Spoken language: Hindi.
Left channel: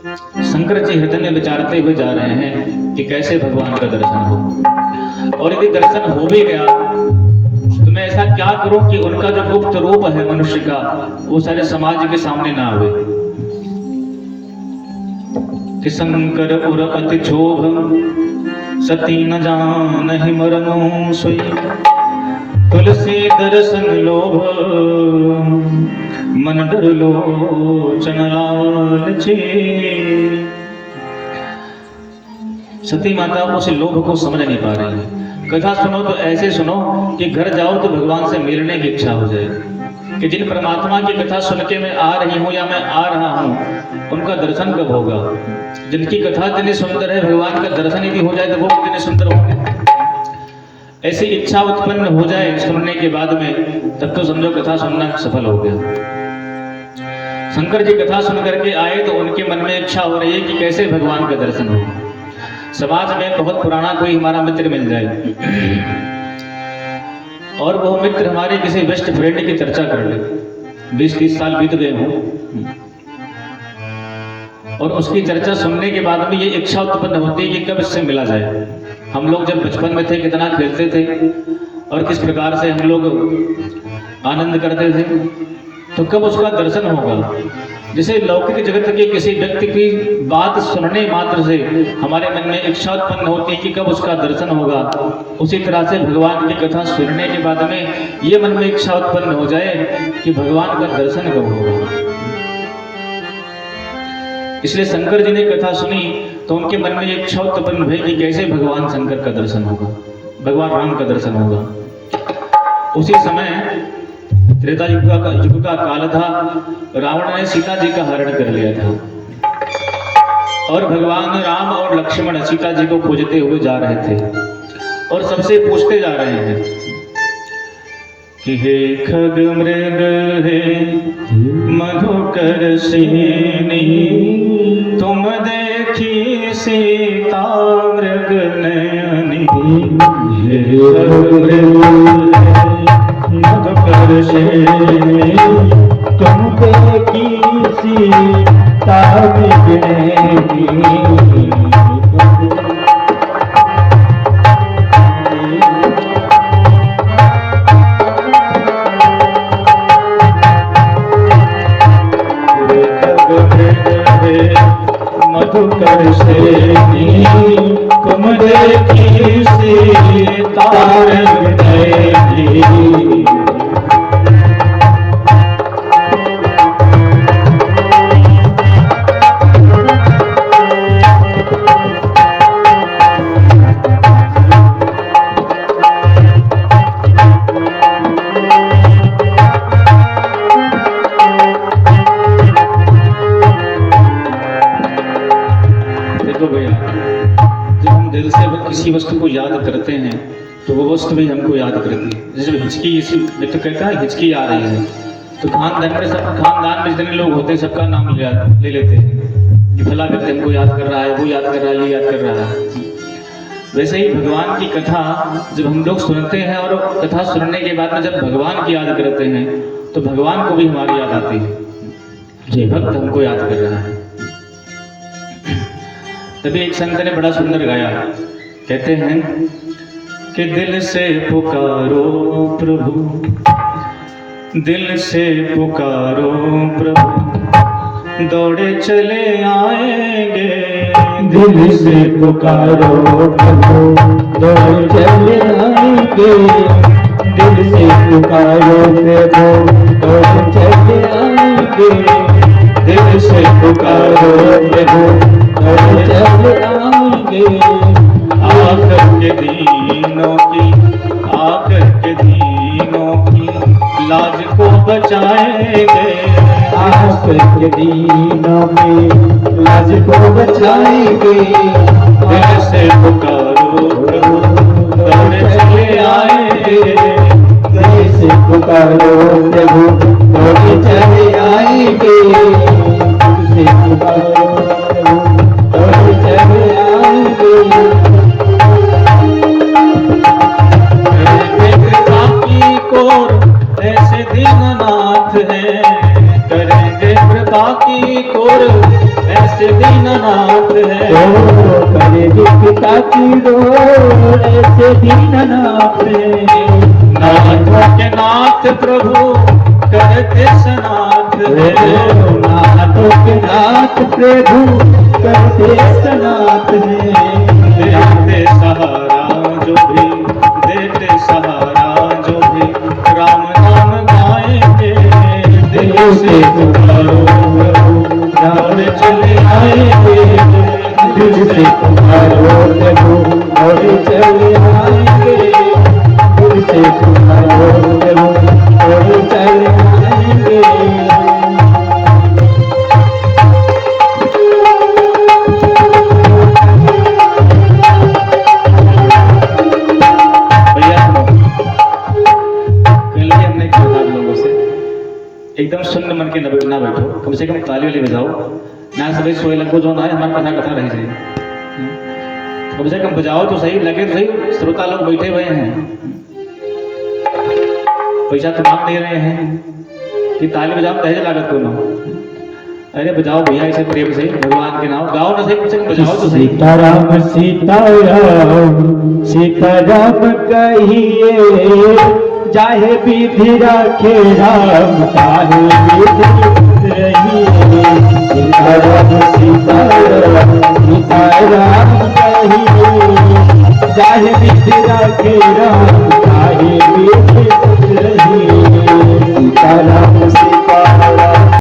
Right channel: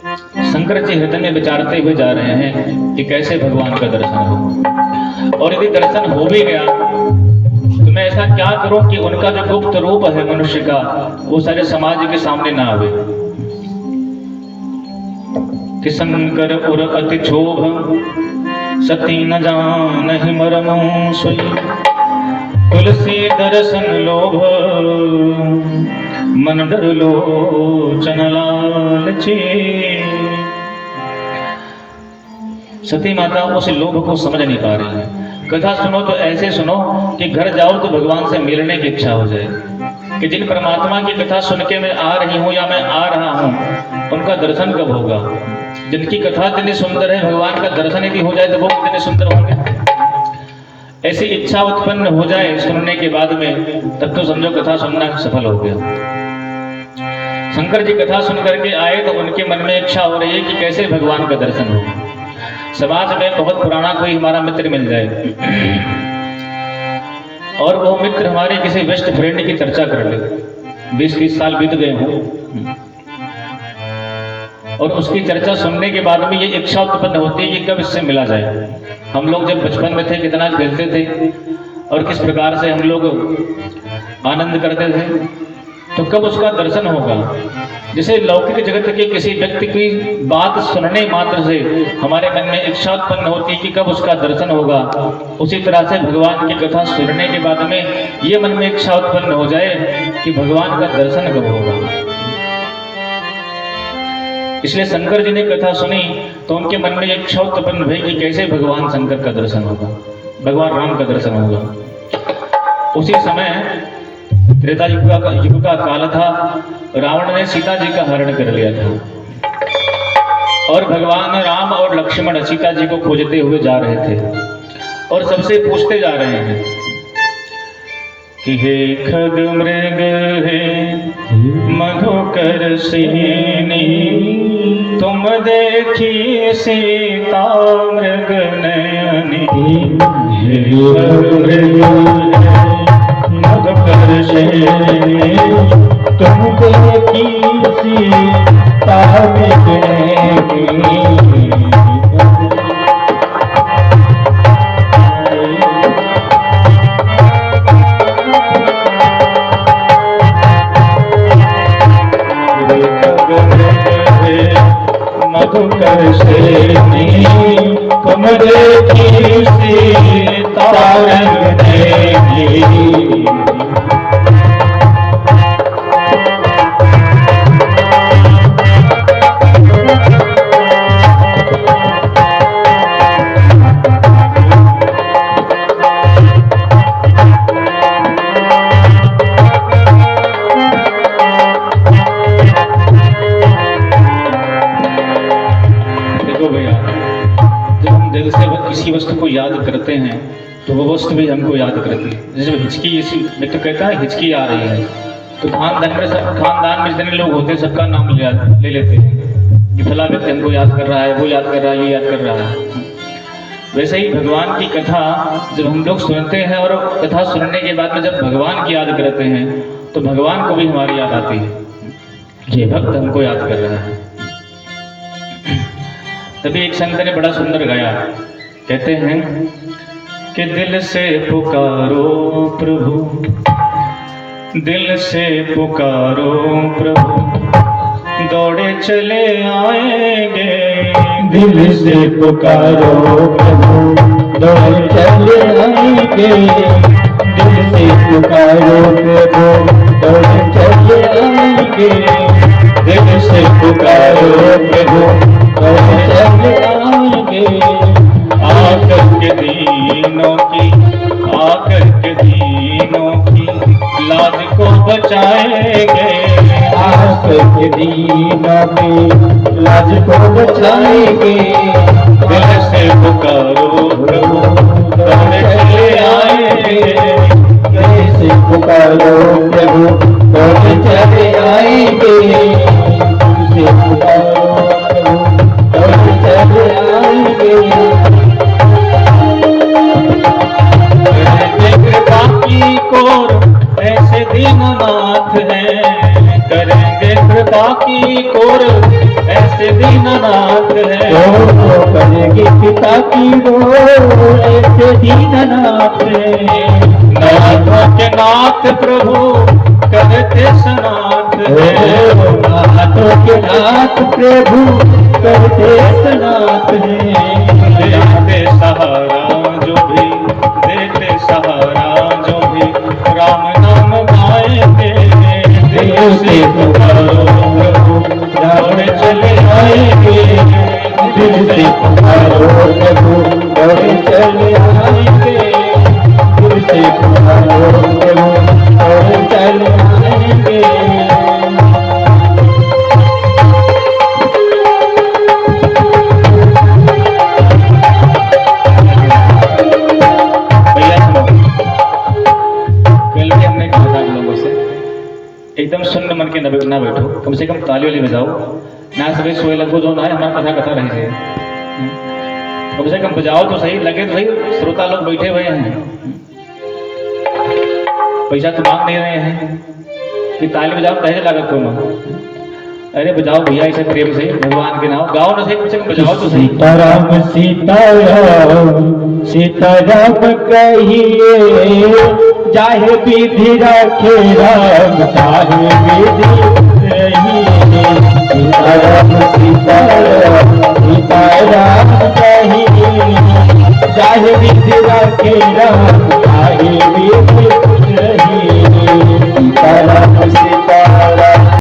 शंकर जी हृदय में विचारते हुए जा रहे हैं कि कैसे भगवान का दर्शन हो, और यदि दर्शन हो भी गया तो मैं ऐसा क्या करूं कि उनका जो गुप्त रूप है मनुष्य का वो सारे समाज के सामने ना आवे। कि शंकर उर अति क्षोभ सती न जान मरमो सोई, तुलसी दर्शन लोभ मन डर लोचन लालची। सती माता उस लोभ को समझ नहीं पा रही है। कथा सुनो तो ऐसे सुनो कि घर जाओ तो भगवान से मिलने की इच्छा हो जाए, कि जिन परमात्मा की कथा सुन के मैं आ रही हूँ या मैं आ रहा हूँ उनका दर्शन कब होगा। जिनकी कथा इतनी सुंदर है, भगवान का दर्शन यदि हो जाए तो वो कितने सुंदर होंगे। ऐसी इच्छा उत्पन्न हो जाए सुनने के बाद में, तब तो समझो कथा सुनना सफल हो गया। शंकर जी कथा सुन करके आए तो उनके मन में इच्छा हो रही है कि कैसे भगवान का दर्शन हो। समाज में बहुत पुराना कोई हमारा मित्र मिल जाए और वो मित्र हमारे किसी बेस्ट फ्रेंड की चर्चा कर ले, 20-30 साल बीत गए हों, और उसकी चर्चा सुनने के बाद में ये इच्छा उत्पन्न होती है कि कब इससे मिला जाए। हम लोग जब बचपन में थे कितना खेलते थे और किस प्रकार से हम लोग आनंद करते थे, तो कब उसका दर्शन होगा। जैसे लौकिक जगत के किसी व्यक्ति की बात सुनने मात्र से हमारे मन में इच्छा उत्पन्न होती है कि कब उसका दर्शन होगा, उसी तरह से भगवान की कथा सुनने के बाद में ये मन में इच्छा उत्पन्न हो जाए कि भगवान का दर्शन कब होगा। इसलिए शंकर जी ने कथा सुनी तो उनके मन में इच्छा उत्पन्न हुई कि कैसे भगवान शंकर का दर्शन होगा, भगवान राम का दर्शन होगा। उसी समय त्रेता युग का काल था। रावण ने सीता जी का हरण कर लिया था और भगवान राम और लक्ष्मण सीता जी को खोजते हुए जा रहे थे और सबसे पूछते जा रहे हैं कि हे खग मृग हे मधुकर सेनी, तुम देखी सीता मृग नयनी। हे खग मृग मधुकर सेनी, तुम देखी सीता मृग नयनी। मधुकर सेनी, तुम देखी सीता मृग नयनी। किसी वस्तु को याद करते हैं तो वो वस्तु भी हमको याद करती है। जैसे हिचकी, इसी मित्र कहता है हिचकी आ रही है तो खानदान में जितने लोग होते हैं सबका नाम ले लेते हैं कि फला व्यक्ति हमको याद कर रहा है, वो याद कर रहा है, ये याद कर रहा है। वैसे ही भगवान की कथा जब हम लोग सुनते हैं और कथा सुनने के बाद में जब भगवान की याद करते हैं तो भगवान को भी हमारी याद आती है, ये भक्त हमको याद कर रहा है। तभी एक संत ने बड़ा सुंदर गाया, कहते हैं कि दिल से पुकारो प्रभु, दिल से पुकारो प्रभु, दौड़े चले आएंगे। दिल से पुकारो प्रभु, दौड़े चले आएंगे। दिल से पुकारो प्रभु, दौड़े चले आएंगे। दिल से पुकारो प्रभु, दौड़े चले आएंगे। आकर के दीनों की, आकर के दीनों की लाज को बचाएंगे। आकर के दीनों की लाज को बचाएंगे। दिल से पुकारो प्रभु, दौड़े चले आएंगे। दिल से पुकारो प्रभु, दौड़े चले आएंगे। दिल से पुकारो प्रभु, दौड़े चले आएंगे। ऐसे दीननाथ हैं, करेंगे कृपा की कोर, ऐसे दीन नाथ प्रभु करते सनाथ हैं। देते सहारा जो भी, देते सहारा जो भी, राम नाम गाएंगे। दिल से पुकारो प्रभु, राम चले आएंगे। दिल से पुकारो प्रभु और चले आएंगे। दिल से पुकारो प्रभु और चले आएंगे। भैया सुनो, पहले हमने कहा था आप लोगों से एकदम सुन्न मन के ना बैठो, कम से कम ताली वाली बजाओ ना। सभी सोए लगो जो ना है हमारी कथा कथा रह जाए, कम से कम बजाओ तो सही, लगे तो सही। श्रोता लोग बैठे हुए हैं, पैसा तो मांग नहीं रहे हैं कि ताली बजाओ दहेज लागत को ना। अरे बजाओ भैया इसे प्रेम से भगवान के नाम गाओ ना सही, कम से कम बजाओ तो सही। सीताराम सीताराम सीताराम कहिए, चाहे विधि राखे राम चाहे विधि रहिए। सीताराम सीताराम